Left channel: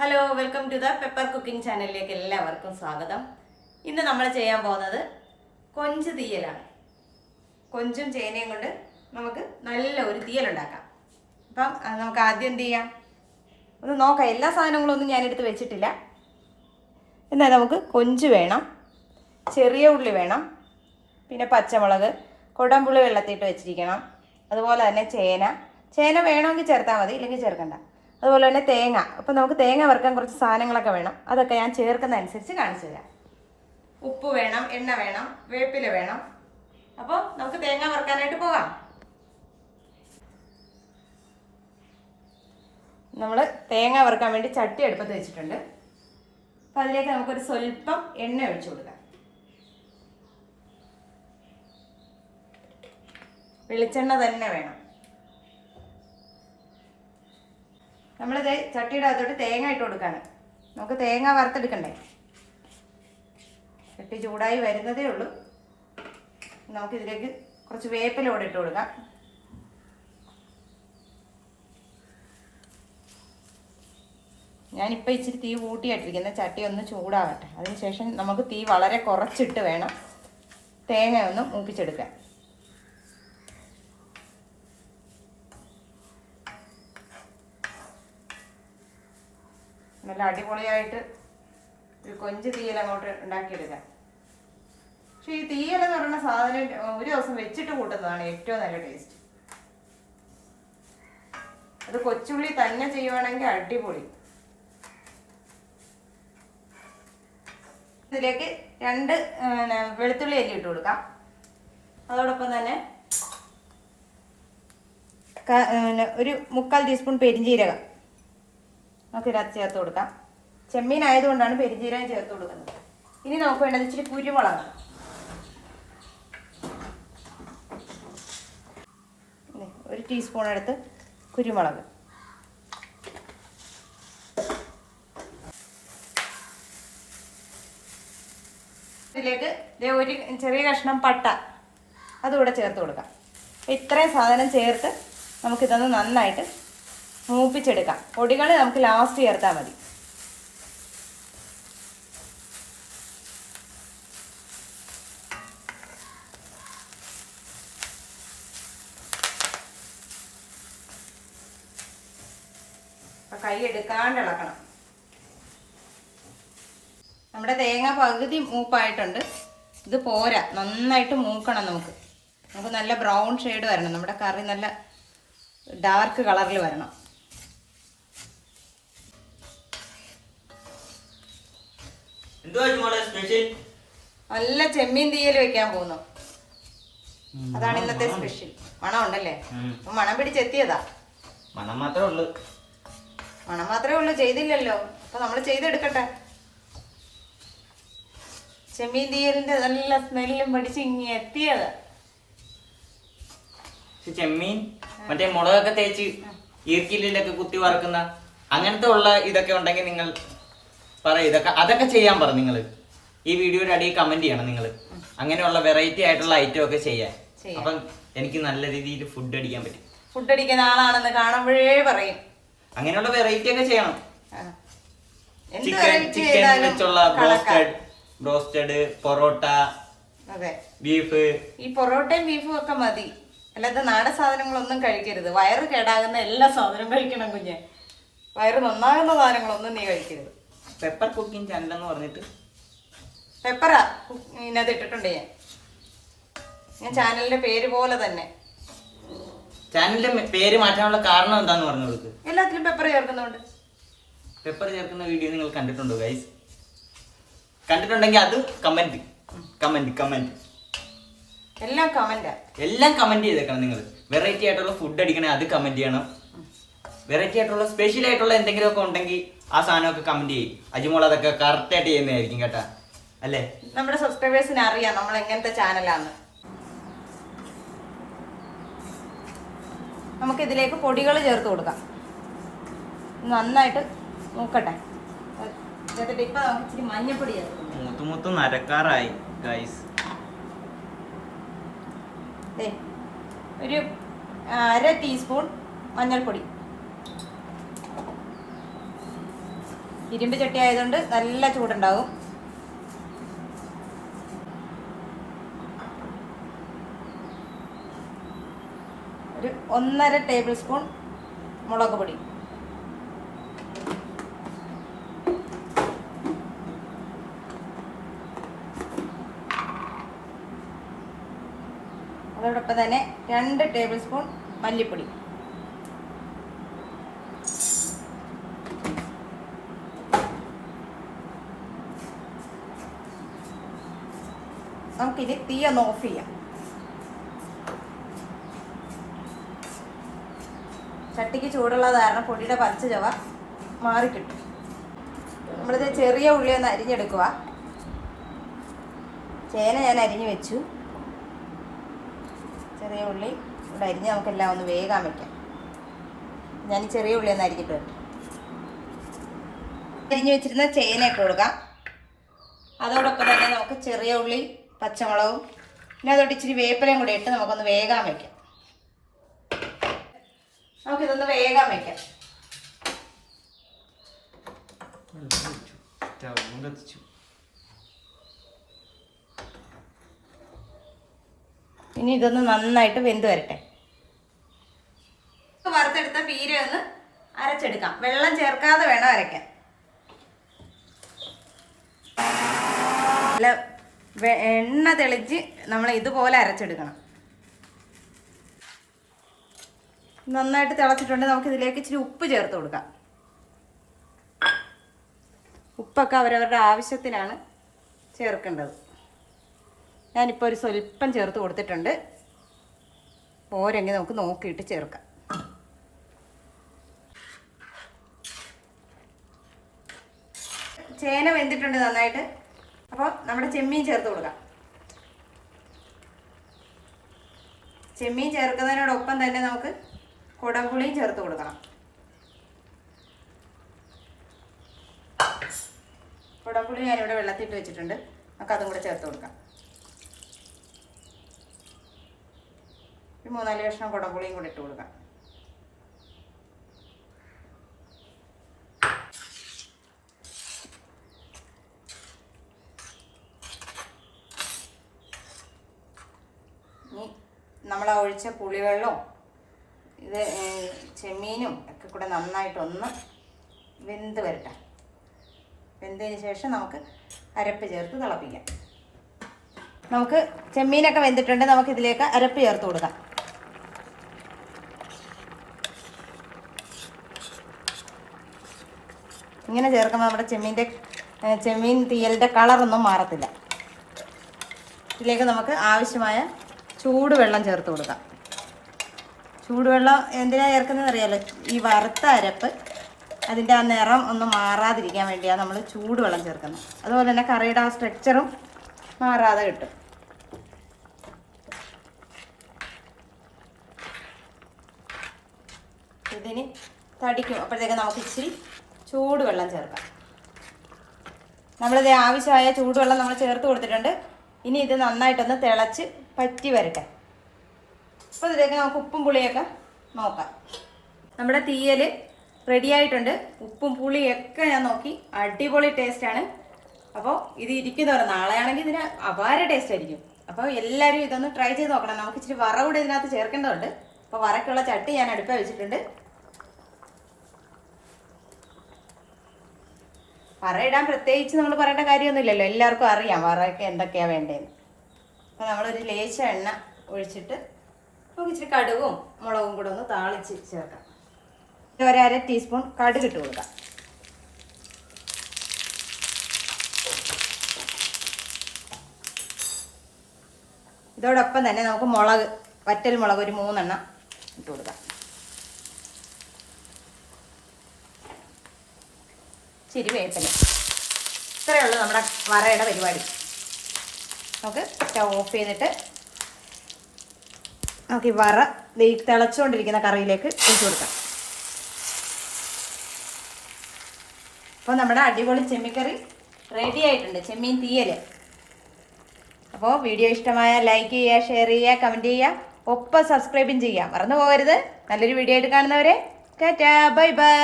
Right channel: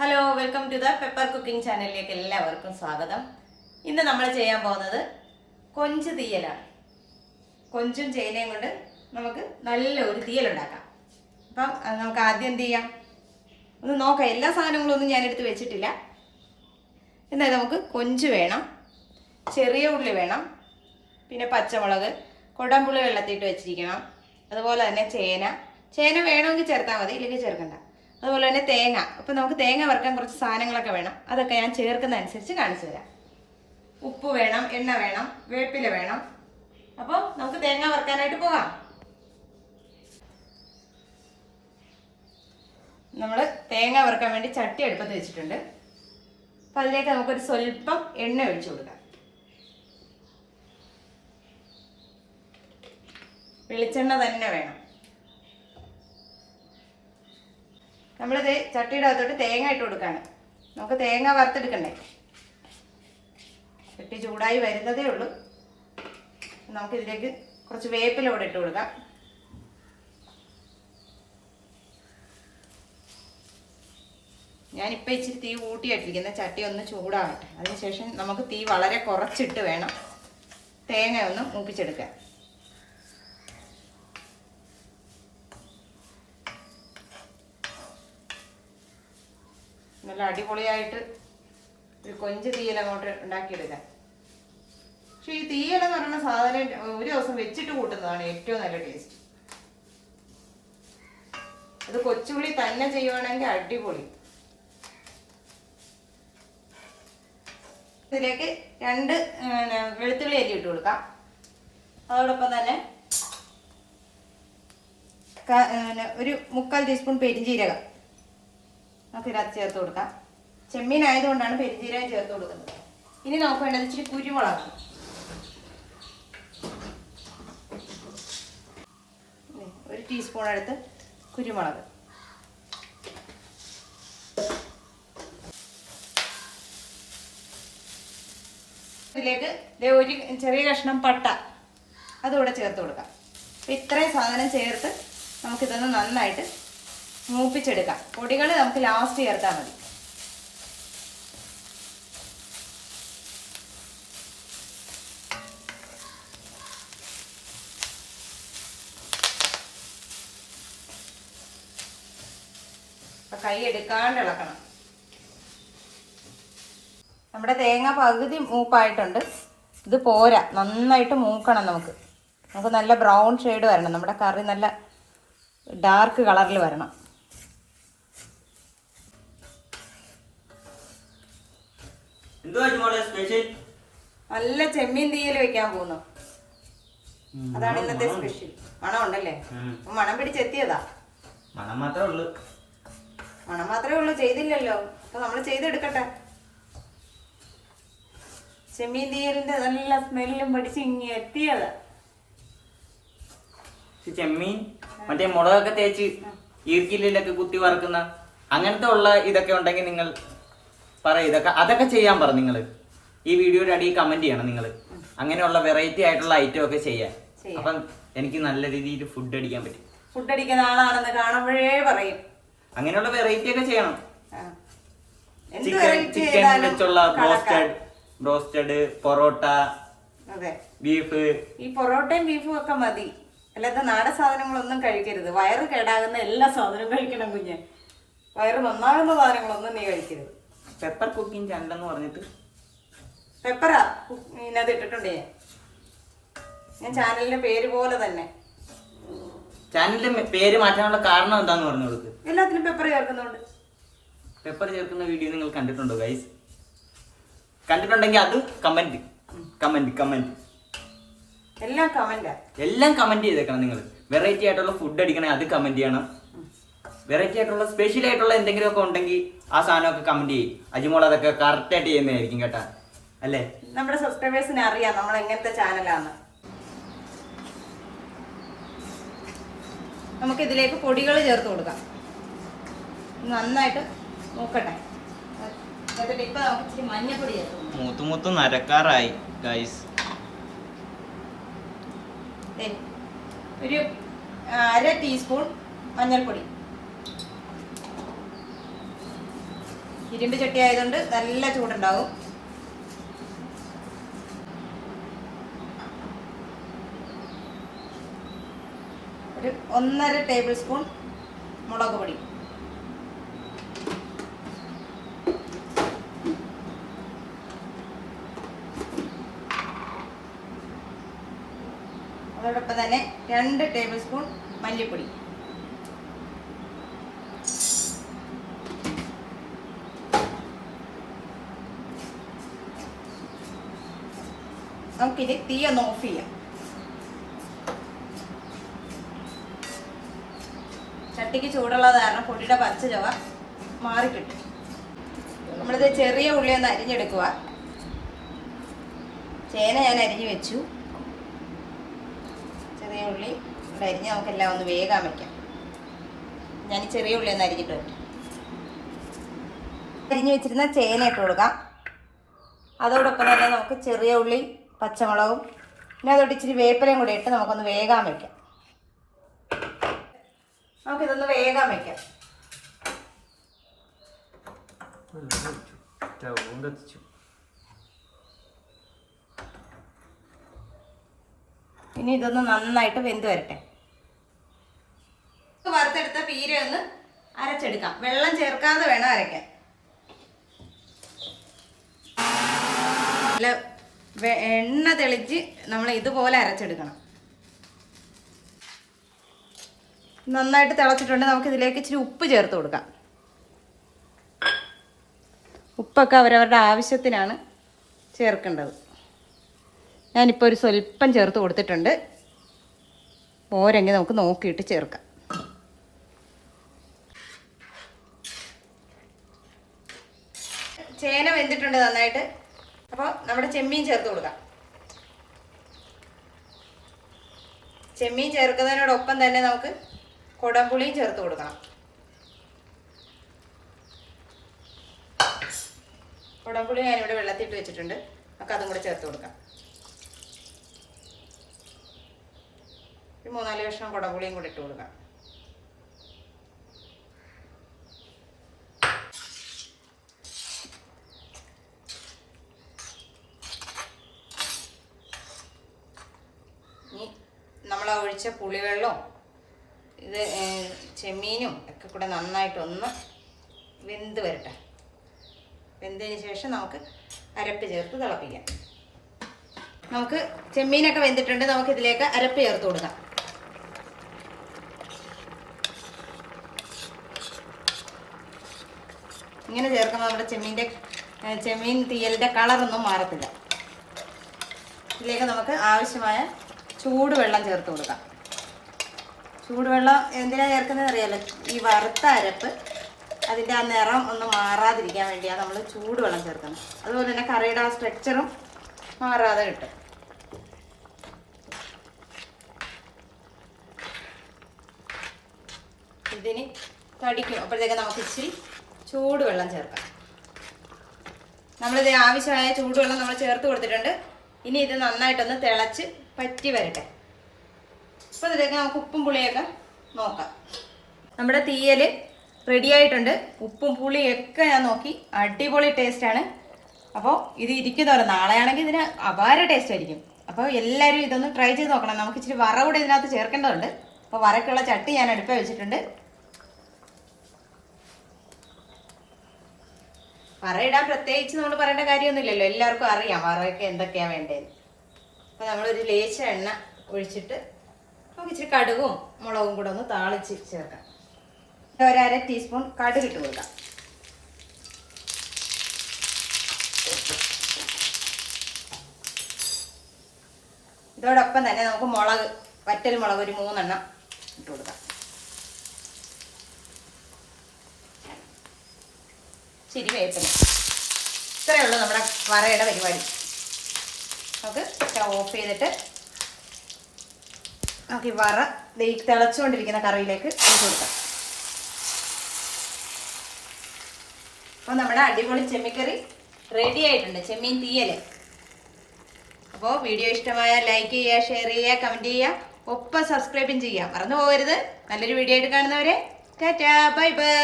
Hello welcome to the pepper cooking ചാനലിലേക്ക് എല്ലാവർക്കും സ്വാഗതം. ഇന്ന് നമ്മൾ ചെയ്യാൻ പോകുന്നത് കൊഞ്ച് തീയലാണ്. കൊഞ്ചും ചേനയും കൊണ്ട് നമുക്ക് നല്ല ഒരു തീയലുണ്ടാക്കാം. അപ്പം നമുക്ക് ആദ്യം എന്ത് ചെയ്യാം, ഒന്ന് നോക്കാം. എല്ലാ സാധനങ്ങളും ഒന്നും ഞാനെടുത്ത് വെച്ചിട്ടില്ല. എന്നാൽ നമുക്ക് കൊഞ്ച് വേണം, ചെറിയ ഉള്ളി വേണം, പിന്നെ പച്ചമുളക്, കുടംപുളി വെള്ളത്തിയിട്ട് വെച്ചിരിക്കണം. അതുപോലെ തന്നെ ചേന വേണമെങ്കിൽ ചേർത്താൽ മതി, ഇല്ലെങ്കിൽ ചേർക്കണ്ട. അതുപോലെ തന്നെ തേങ്ങ. അപ്പോൾ നമുക്ക് തേങ്ങ വറുക്കാൻ കുറച്ച് സാധനങ്ങളൊക്കെ വേണം. അതൊക്കെ ഞാൻ ചേർക്കുന്ന അനുസരിച്ച് കാണിച്ചു തരാം. ഉപ്പ് വേണം, എണ്ണ വേണം, വേപ്പില വേണം. അപ്പോൾ നമുക്ക് തേങ്ങ വറുക്കാനായിട്ട് പോകാം. നമ്മൾ തേങ്ങ വറുക്കാൻ വേണ്ടി ചട്ടി അടുപ്പത്ത് വെച്ചിട്ടുണ്ട്. അപ്പോൾ അതിലേക്ക് നമുക്കൊരു സ്വല്പം എണ്ണ ഒഴിച്ചു കൊടുക്കാം. വെളിച്ചെണ്ണ തന്നെ വേണം. നമ്മളിത് ചട്ടിയുടെ അകത്തോട്ട് തേങ്ങ ഇട്ട് കൊടുക്കുകയാണ്. നമുക്ക് തേങ്ങ വറുത്തെടുക്കണ്ടേ. ചട്ടി ചൂടായി വരുന്നതേ ഉള്ളൂ. നമുക്കിതിലേക്ക് കുറച്ച് വേപ്പില കൂടെ ഇട്ട് കൊടുക്കാം. ഞാനിപ്പോൾ ഇച്ചിരി തീ കൂട്ടിയിട്ടിരിക്കുന്ന ചട്ടി ഒന്ന് ചൂടാകട്ടെ. അതിനുശേഷം നമുക്ക് തീ വളരെ കുറച്ചിട്ട് വേണം തേങ്ങ ഒന്ന് മൂപ്പിച്ചെടുക്കാൻ. നല്ല അടിപൊളിയായിട്ട് ഒരു കൊഞ്ച് തീയൽ അങ്ങോട്ട് ഉണ്ടാക്കിയെടുക്കാം. പക്ഷെ ഈ തീയലെന്ന് പറയുന്ന സാധനം ഒരു ദിവസം വെച്ചിട്ട് കൂട്ടുന്നതാണ് ഏറ്റവും നല്ല ടേസ്റ്റ്. അത് കൊച്ചുള്ളി തന്നെ ചെയ്യുവാണെങ്കിൽ അടിപൊളി. ഇതിലേക്ക് 2 വെളുത്തുള്ളി അല്ലി ഇട്ട് കൊടുക്കാം. അതോടൊപ്പം തന്നെ ഒരു 1/4 ടീസ്പൂൺ പെരിഞ്ജീരകം നമുക്ക് ഇതിനകത്ത് ചേർത്ത് കൊടുക്കാം. ചെമ്മീൻ ആയതുകൊണ്ടാണ് പെരിഞ്ജീരകം ചേർത്ത് കൊടുക്കുന്നത്. ഇനി നമുക്ക് വേണ്ടത് ഇച്ചിരി കുരുമുളക്. 1 ടീസ്പൂൺ എടുത്ത് കുരുമുളക്. ഇതിലേക്ക് ഒരു ചെറിയ കഷ്ണം പട്ട അതുകൂടെ ചേർത്ത് കൊടുക്കാം. ഇത്രയും സാധനം ചേർത്ത് നമുക്കിതൊന്ന് നന്നായിട്ട് മൂപ്പിച്ചെടുക്കാം. പൊടികൾ നമുക്ക് ലാസ്റ്റ് ചേർത്താൽ മതി. അപ്പം കൈ എടുക്കാണ്ട് ഇളക്കണം. നമ്മുടെ തേങ്ങ പകുതി മൂപ്പായിട്ടുണ്ട്. ഇത് പോരാ, നന്നായിട്ട് മൂക്കണം. നമുക്ക് നല്ല ബ്രൗൺ ഷെയ്ഡ് വരണം. നമ്മുടെ കറി നല്ല ഡാർക്ക് കളറിൽ വരണം. നല്ല ചെമ്മീൻ തീയൽ വെക്കാൻ പോകുന്നു. അതാണ് ഇന്നത്തെ സ്പെഷ്യൽ. മണം ഉണ്ടല്ലേ? മണം പിടിച്ചെത്തിയതാ. മണം മാത്രമേ ഉള്ളൂ, ചെയ്തില്ലല്ലോ. അപ്പൊ നമ്മൾ ചെയ്തെടുക്കട്ടെ. ചെമ്മീൻ തീയലിന്റെ നല്ല സ്മെല്ലും പിടിച്ച് ഇങ്ങി എത്തിയതാ. ചെമ്മീൻ മറ്റേ മുളകൊക്കെ തേച്ച് ഈർക്കിലൊക്കെ കുത്തി വറക്കുന്ന അങ്ങനത്തെ ഉള്ള ഇതൊക്കെ ഉണ്ടെങ്കിൽ നിങ്ങൾ പറയും. അതൊക്കെ ചെയ്യാൻ പറ. നിങ്ങൾ ഈ വീഡിയോയുടെ അടിയിൽ കമന്റ് ചെയ്യണം. നിങ്ങൾ അങ്ങനെയുള്ള വെറൈറ്റി ആയിട്ടുള്ള ഐറ്റം ഒക്കെ ചെയ്യാൻ. അപ്പം എനിക്ക് നല്ല രീതിയിൽ ഫുഡ് അടിക്കാൻ പറ്റും. ഫുഡ് അടിക്കുന്ന ആളാണെന്ന് കാണുമ്പോഴേ പറയും. അങ്ങനെയുള്ള വെറൈറ്റി ഒക്കെ ചെയ്യണം. ചിക്കൻ വെച്ചുള്ള ബ്രോസ്റ്റഡ്, പൊറോട്ട, ബീഫ്. ഈ പൊറോട്ടയും ബീഫും ഒക്കെ മതി. അല്ലാതെ നാടൻ സാധനങ്ങളൊന്നും കഴിക്കരുത്. വയറ് കേടാകുന്ന എല്ലാ സാധനവും കഴിക്കണം കുഞ്ഞെ. വയറ് നന്നാകുന്ന സാധനങ്ങളൊന്നും നീ കഴിക്കരുത്. പെപ്പർ കുക്കിംഗ് ചാനൽ എന്ന് പറഞ്ഞിട്ട് പെപ്പറാ ഇതിനകത്ത് ഇട്ടിട്ടുണ്ട്. ഞാൻ ചാനലിന്റെ പേര് പോലെ തന്നെ. ചാനലിന്റെ പേര് മാറ്റാനുള്ള കാരണം എന്താന്ന് പറഞ്ഞു കൊടുക്ക്. എല്ലാത്തിലും പെപ്പർ ചേർക്കുന്നുണ്ട്. പെപ്പർ ചേർക്കുന്ന വീഡിയോ നിങ്ങൾ കണ്ടിട്ടുണ്ടോ ഗൈസ്? കണ്ടിട്ടുണ്ടെങ്കിൽ അത് കമന്റ് എല്ലാം കമന്റ് ചെയ്തേക്കണം. നിങ്ങൾ വെറൈറ്റി ആയിട്ടുള്ള ഫുഡ് അടിക്കണേ അത് കമന്റ് ചെയ്യണം. വെറൈറ്റി ആയിട്ടുള്ള സ്പെഷ്യൽ ആയിട്ടുള്ള എന്തെങ്കിലും ഒക്കെ ഉണ്ടെങ്കിൽ ആ സാധനമൊക്കെ കമന്റ് ചെയ്യും. അജിമോൾ അതൊക്കെ കറക്റ്റ് ആയിട്ട് ചെയ്യുന്നതായിരിക്കും കേട്ടാ. അല്ലേ? നമ്മുടെ സബ്സ്ക്രൈബേഴ്സിന് അറിയാം നമ്മൾ എങ്ങനത്തെ ചാനലാന്ന്. നമുക്ക് ഇതിലേക്ക് പൊടികൾ ചേർത്ത് കൊടുക്കാം. നന്നായിട്ട് നോക്കട്ടെ. ഇപ്പൊ നമുക്ക് ഇച്ചിരി മഞ്ഞപ്പൊടി ചേർത്ത് മൂത്ത് നരക്കാറായി ഗൈസ്. ഒരു 1/2 ടീസ്പൂൺ മഞ്ഞൾപ്പൊടി, ഇരുമ്പ് ചട്ടി ആയതുകൊണ്ട് നല്ല ചൂടുണ്ടാവും. ഒരു 1.5 ടേബിൾ സ്പൂൺ മുളക് പൊടി, അതോടൊപ്പം തന്നെ 2 ടേബിൾ സ്പൂൺ മല്ലിപ്പൊടി, നമുക്കിത് തീ ഒന്ന് ഓഫ് ചെയ്യാം. ചട്ടിക്ക് ചൂടുള്ളത് കാരണം പൊടിയുടെ പച്ച ചുവ മാറിക്കിട്ടും. നമ്മളിത് ചെറിയ ഉള്ളി ഒന്ന് അരിഞ്ഞെടുക്കുക. ചേന ഞാൻ അരിഞ്ഞു വെച്ചു. ചെറിയ ഉള്ളി ഇവിടെ അരിഞ്ഞ് നമുക്കെല്ലാം ഒന്ന് വേഗം വയ്ക്കാം. ഞാൻ ഈ ചെറിയ ഉള്ളി ഒന്ന് അരിഞ്ഞിട്ട് വരട്ടെ. അരിഞ്ഞു വെച്ചിരുന്ന ചേന ഇട്ട് കൊടുക്കാം. അതോടൊപ്പം തന്നെ നമുക്ക് ചെറിയ ഉള്ളി, പച്ചമുളകും പിന്നെ അതോട്ട് ഇച്ചിരി വേപ്പിലയും കൂടി ഇട്ട് നമുക്കൊന്ന് വേഗം വയ്ക്കാം. നമുക്കിതൊന്ന് വേഗം വയ്ക്കാം. ഇനി ഇതൊന്ന് നന്നായിട്ട് വെന്ത് വരട്ടെ. വറുത്തെടുത്ത പീര ഒന്ന് അരച്ചെടുക്കാം. വെള്ളം ചേർക്കാതെ വേണം അരയ്ക്കാൻ. നല്ല എണ്ണ തെളിച്ച് നമ്മൾ ഇതുപോലെ അരച്ചെടുക്കണം. നന്നായിട്ട് തിളച്ചിട്ടുണ്ട്. നമുക്ക് ഇതിലേക്ക് ഇച്ചിരി ഉപ്പ് ചേർത്ത് കൊടുക്കാം. ഉപ്പൊക്കെ അവരവരുടെ ആവശ്യത്തിനാണ് ചേർക്കേണ്ടത്. ഞാനിപ്പോൾ ഒരു സ്വല്പം ചേർത്ത് കൊടുത്തിട്ടുണ്ട്. പോരെങ്കിൽ നമുക്ക് നോക്കിയിട്ട് ചേർക്കാം. ചേന വെന്തിട്ടുണ്ട് നന്നായിട്ട്. അപ്പോൾ നമ്മുടെ ചെമ്മീൻ ചേർത്ത് കൊടുക്കാം. ചെമ്മീൻ ചേർക്കുന്നതിനോടൊപ്പം തന്നെ നമുക്ക് കുടംപുളിയും ചേർത്ത് കൊടുക്കണം. കുടംപുളി ഞാനിവിടെ വെള്ളത്തിട്ട് വെച്ചിട്ടുണ്ട്. നമുക്ക് അതും കൂടെ ചേർത്ത് കൊടുക്കാം. ഒരു 3-4 കഷ്ണം കുടംപുളിയും കൂടെ ഇട്ട് കൊടുക്കാം. ഇനി നമ്മൾ ഒഴിച്ച പുളിവെള്ളവും ഇത് ചെമ്മീനും ഒക്കെ കൂടെ നന്നായിട്ടൊന്ന് വെന്ത് വരട്ടെ. വെന്തതിന് ശേഷം നമുക്ക് അരപ്പ് ചേർത്ത് തിളപ്പിക്കാം. നമുക്ക് ചെമ്മീനൊക്കെ വെന്തിട്ടുണ്ട്. നമുക്ക് ഇതിലേക്ക് അരപ്പ് ചേർത്ത് കൊടുക്കാം. ഇങ്ങനെ ചേർക്കുമ്പോൾ നമ്മുടെ ചെമ്മീൻ തീയലിൻ്റെ കളറൊന്നും മാറത്തില്ല. ഇതിലേക്ക് നമുക്ക് ആവശ്യമായ ചൂടുവെള്ളം ചേർത്ത് കൊടുക്കാം. ചൂടുവെള്ളം എന്തിനാണ് ചേർക്കുന്നതെന്ന് അറിയാലോ? ഈ വറുത്ത അരപ്പ് അതിൻ്റെ ആ നിറം ഒന്ന് മാറാതിരിക്കാൻ വേണ്ടിയാണ് നമ്മൾ ചൂടുവെള്ളം ചേർക്കുന്നത്. അതുപോലെ തന്നെ കറിയുടെ ആ സ്ട്രക്ചറും മാറാതെ കിട്ടും. ഇതിന് തടിക്കും. അപ്പോഴത്തേക്ക് നമുക്ക് ഇച്ചിരി ചൂടുവെള്ളം ചേർക്കാം. നമ്മളിത് ആവശ്യമായ ചൂടുവെള്ളം നമ്മൾ ചേർത്ത് കൊടുത്തിട്ടുണ്ട്. ഇനി ഇത് നന്നായിട്ടൊന്ന് തിളച്ച് പറ്റി വരട്ടെ. അപ്പോൾ ഇതിലേക്ക് നമുക്ക് ഉപ്പും പുളിയൊക്കെ നോക്കാം. നമ്മുടെ തീയൽ റെഡി ആയിട്ടുണ്ട്. ഉപ്പും പുളിയൊക്കെ ഞാൻ നോക്കി. അടിപൊളി ടേസ്റ്റാണ്. അപ്പോൾ ഇത് ഇരിക്കുന്നവരെ നാളെയാണെങ്കിൽ ഇതിന് അപാര ടേസ്റ്റ് ആയിരിക്കും. അപ്പോൾ എല്ലാവരും ഇതൊന്ന് ട്രൈ ചെയ്ത് നോക്കണം. നമുക്ക് ഇച്ചിരി വറ കൂടെ ഇതിനകത്ത് ചേർക്കേണ്ടതുണ്ട്. അപ്പോൾ വറക്കുള്ള ചട്ടി ഞാൻ അടുപ്പ് വെച്ചിട്ടുണ്ട്. വറയിടാൻ പ്രത്യേകിച്ച് നമ്മൾ പറയേണ്ട കാര്യമൊന്നുമില്ലല്ലോ. എല്ലാവർക്കും അറിയാം വറയൊക്കെ എന്തൊക്കെയാണ് വേണ്ടതെന്ന്. അപ്പോൾ നമ്മളൊരു ലേശ എണ്ണ ഒഴിച്ചിട്ട് നമുക്ക് ഇച്ചിരി കടുകും മുളകും കൂടെ ഒന്ന് താളിച്ച് ചേർക്കാം. 1/2 ടീസ്പൂൺ കടുക് ഇട്ട് കൊടുക്കാം. ഇതോടൊപ്പം തന്നെ നമുക്ക് മുളക്, വറ്റൽ മുളക് ഒരു 3 എണ്ണം ഇട്ട് കൊടുക്കാം. ശരി, വേപ്പില. ഇത്രയേ ഉള്ളൂ നമ്മുടെ വറയുടെ പരിപാടി. നമുക്ക് സ്റ്റവ് ഓഫ് ചെയ്തിട്ട് നമുക്ക് ഈ വറ തിളച്ചുകൊണ്ടിരിക്കുന്ന കറിയിലേക്ക് ഇട്ട് കൊടുക്കാം. അപ്പോൾ നമ്മുടെ അടിപൊളി ചെമ്മിക്കറി റെഡി ആയിട്ടുണ്ട്. ചെമ്മീൻ തീയൽ. അപ്പോൾ വീഡിയോ ഇഷ്ടമായാൽ ലൈക്ക് ചെയ്യുക, ഷെയർ ചെയ്യുക, കമൻറ്റ് ചെയ്യുക, ഒപ്പം സബ്സ്ക്രൈബും ചെയ്യുക. മറന്നു പോകരുത്. നല്ലൊരു വീഡിയോ ആയിട്ട് കാണുന്നവരെ ടാറ്റാ, ബൈ ബൈ.